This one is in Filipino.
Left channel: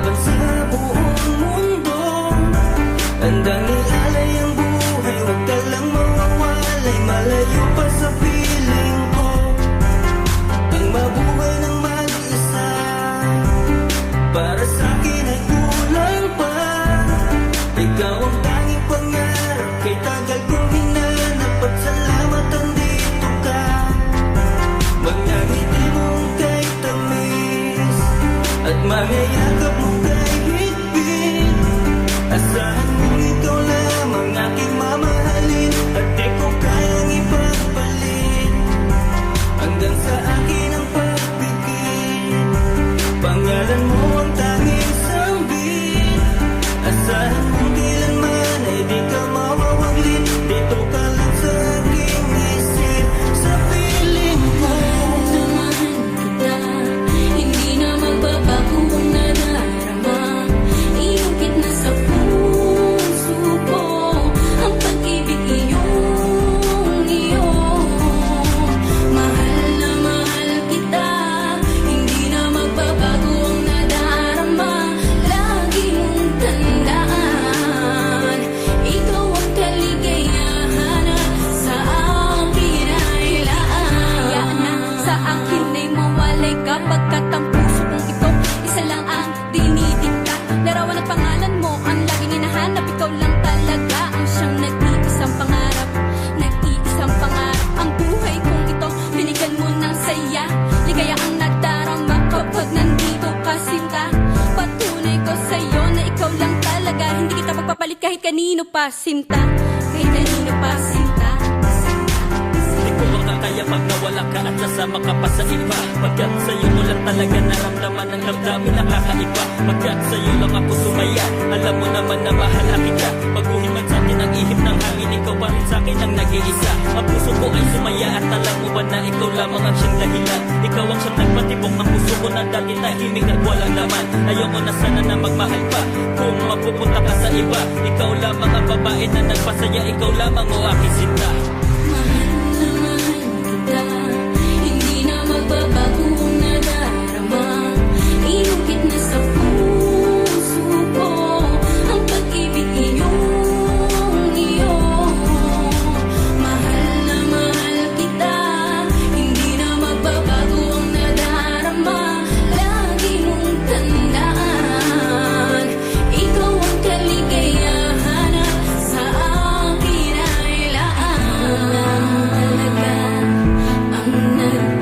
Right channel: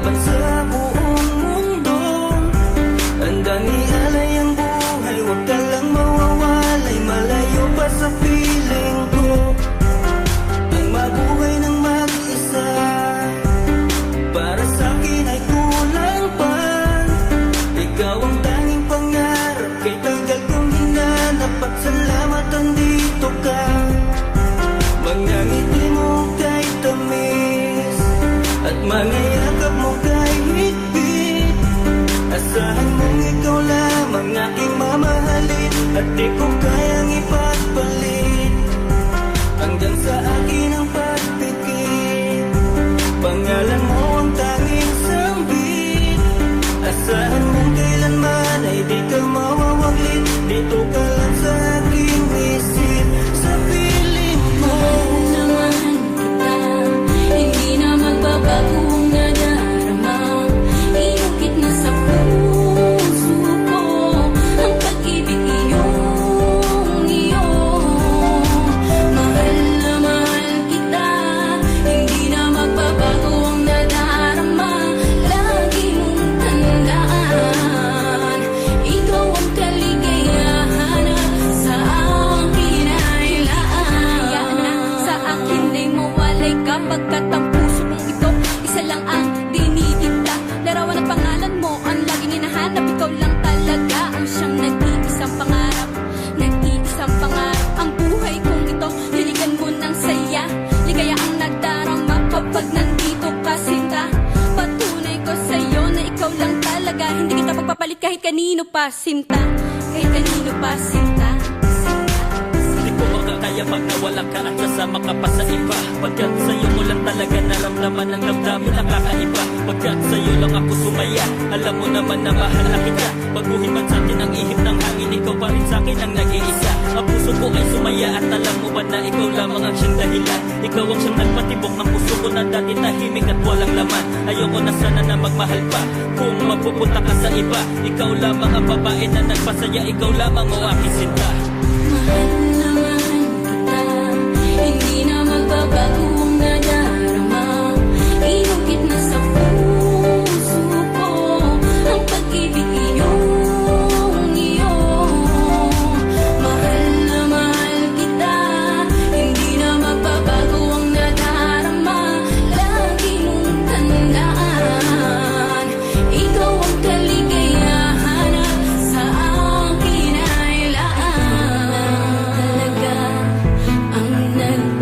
laban sa buong mundo. Handang ialay ang buhay, huwag ka lang mawawalay, malayo pa sa piling ko. Ang mabuhay ng mag-isa, para sa'kin ay kulang pa. Ikaw ang tanging pangarap, kay tagal kong hinanap, at salamat andito ka. Mga ngiti mong kay tamis, at mga yakap mong kay higpit. Asahan mong ikaw lamang aking mamahalin, at di ko kayang ipagpalit. Hanggang sa akin ang pagpikit, pangalan mo ang tanging sambit. Asahan mong kailanman ay di ka mawawaglit, dito ka lang sa aking isip, sa piling ko. Mahal kita, hindi na magbabago ang nadarama. Inukit na sa puso ko ang pag-ibig iyong iyo. Mahal na mahal kita, hindi na magbabago ang nadarama. Lagi mong tandaan, ikaw ang kaligayahan at sa akin ay laan. Hayaan na sa akin ay mawalay kapagkat ang puso kong ito isa lang ang dinidikta. Larawan at pangalan mo ang laging hinahanap, ikaw lang talaga ang siyang nag-iisang pangarap. Nag-iisang pangarap ang buhay kong ito, binigyan mo ng saya. Ligaya ang nadarama kapag nandito ka, sinta. Patunay ko sa'yo na ikaw lang talaga, hindi kita pagpapalit kahit kanino pa, sinta. Kahit kanino pa, sinta. Di ko makakaya pag nawala ka at sasama ka pa sa iba. Pagkat sa'yo ko lang talaga naramdaman ang damdamin nakakaiba. Pagkat sa'yo lang ako sumaya, alam mo naman na mahal na kita. Baguhin man sa'tin ang ihip ng hangin, ikaw pa rin sa'kin ang nag-iisa. Ang puso ko ay sumaya at alam mo ba na ikaw lamang ang siyang dahilan. Ikaw ang siyang nagpatibok ng puso ko na dati tahimik at walang laman. Ayoko na sana na magmahal pa kung mapupunta ka sa iba. Ikaw lamang ang babae na nagpasaya, ikaw lamang o aking sinta. Mahal na mahal kita, hindi na magbabago ang nadarama. Inukit na sa puso ko ang pag-ibig iyong iyo. Mahal na mahal kita, hindi na magbabago ang nadarama. Lagi mong tandaan, ikaw ang kaligayahan at sa akin ay laan. Talaga ang nag-iisa.